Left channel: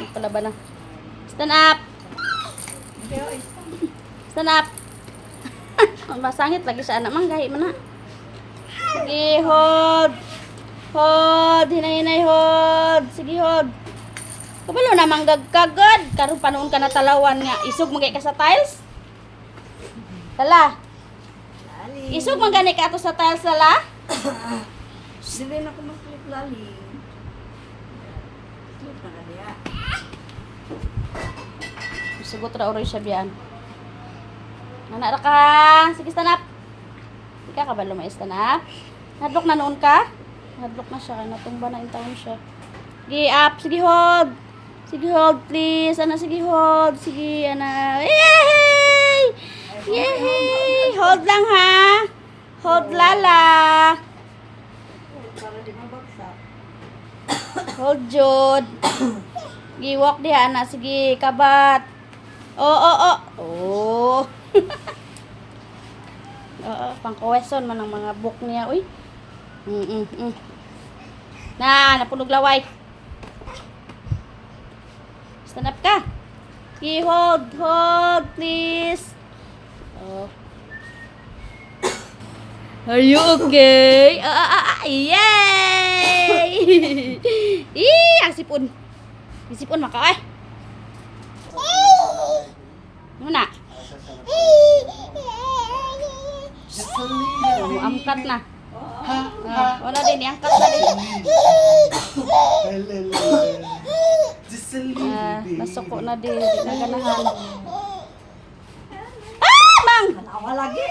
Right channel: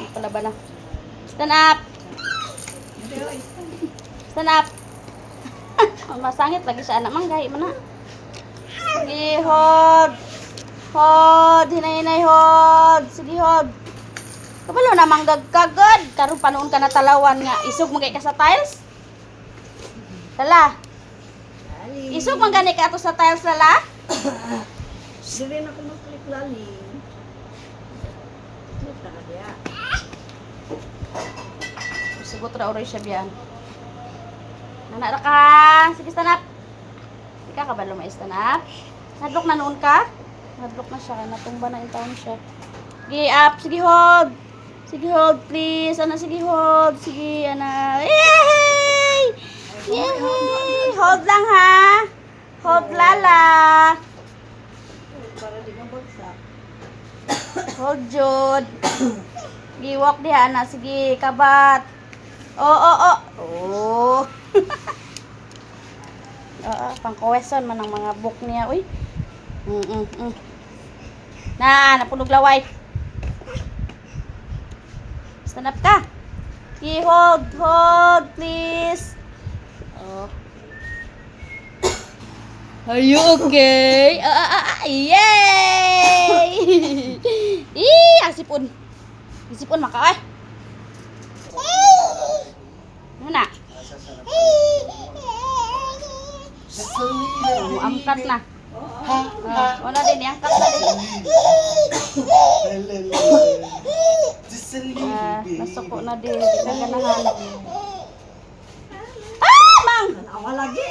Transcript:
Nagpalaban na. Stand up! Stand up! Ang masangit lagi sa anak manggay mo na. Sige, hold. Hold. Hinay-hinay, hold. Sige, hold. Kabalo na manggagkagod. Karon panoon ka na talawan nga. Isog magay ka sa tiles? Tala. Isog magani ka ato sa tiles, tala? Dili na ako mag-click lali. Click na diya. Sugot ra oray siya biyan. Nana ra ka. Sige, stand up. Ika ka ba lumay stand up? Hadlok na noon ka? Hadlok na siya. Kaya natumba na in town siya. Sige, up. Sige, hold. Sige, hold, please. Ana, sige, hold. Sige, ana. Yay! Yay! Hold lang, ha? Hold, lala. Para di mabagsak. Hold, Jod. Sige, walk di, ana. Sige, kabat. Oh. Oo, pang-question man ang mga book niya, uy. Napunog laway. Stand up ka. Sige, hold, please. Oh. Are you okay? Yay! Ang sipon. Ang sipon maka, Ano na? Angkat na. Wala din, iangkat na din. Nasuko na din. Ganahan. Mang! Nawa lagi.